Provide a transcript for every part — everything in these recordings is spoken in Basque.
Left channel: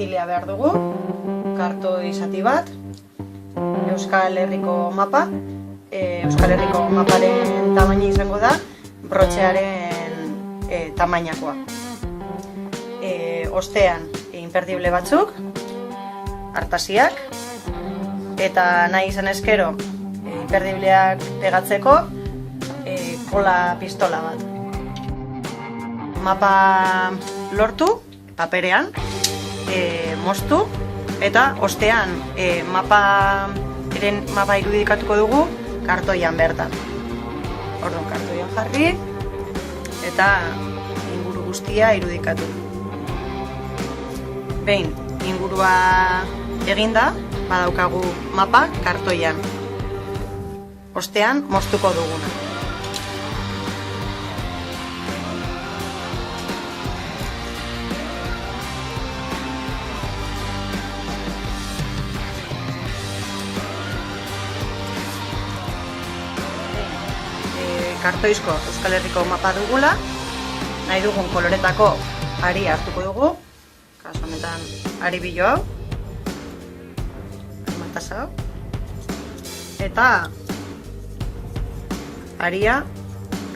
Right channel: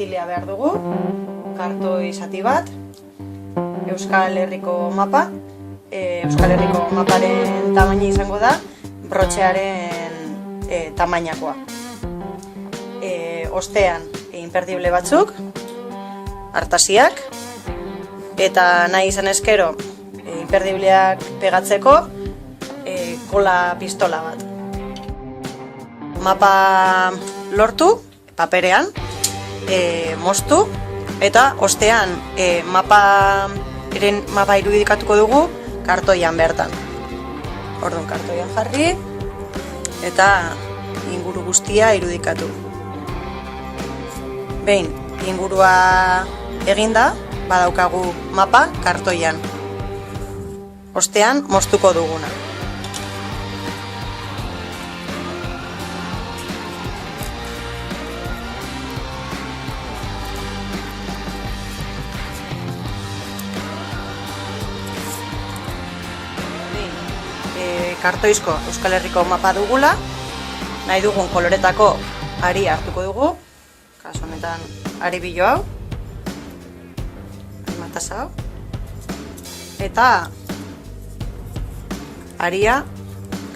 kartilea behar dugu, kartoi zati bat, Euskal Herriko mapa, Euskal Herriko maparen tamaina izango da, brotxearen tamainakoa. Ostean, imperdible batzuk, artasiak, eta nahi izan eskero, imperdibleak pegatzeko, kola pistola bat. Mapa lortu, paperean, moztu, eta ostean mapa irudikatuko dugu kartoian bertan. Orduan kartoian jarri, eta inguru guztia irudikatu. Behin, ingurua eginda, badaukagu mapa kartoian. Ostean, moztuko duguna. Kartoizko Euskal Herriko mapa dugula, nahi dugun koloretako ari hartuko dugu, kasu honetan ari bilo hau, matasa hau, eta aria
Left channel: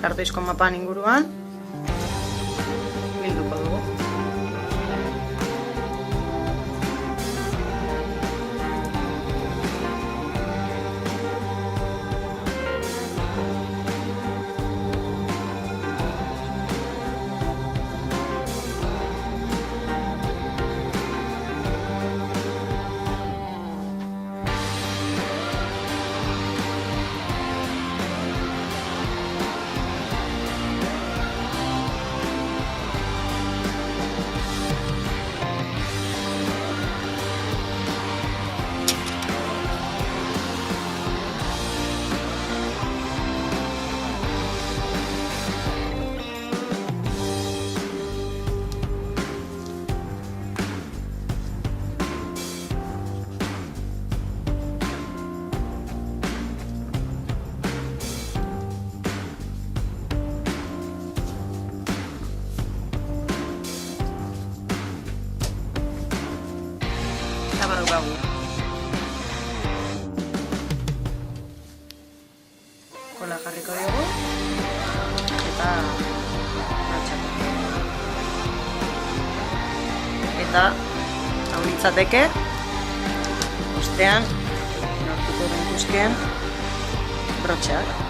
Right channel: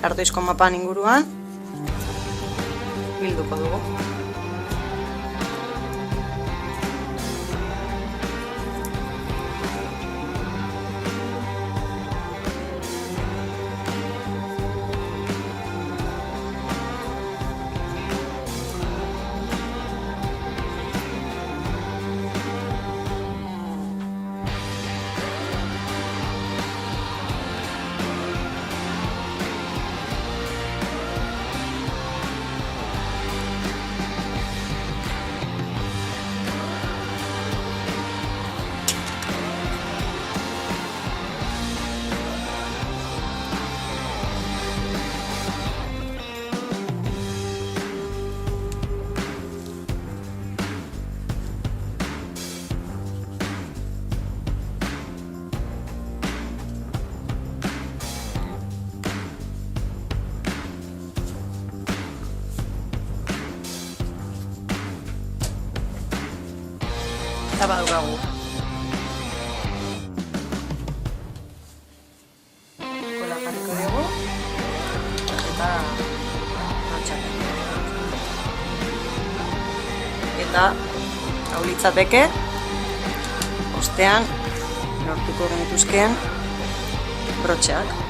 kartoizko mapan inguruan bilduko dugu. Kola jarriko dugu, eta hau litzateke, ostean lortuko genituzkeen brotxeak.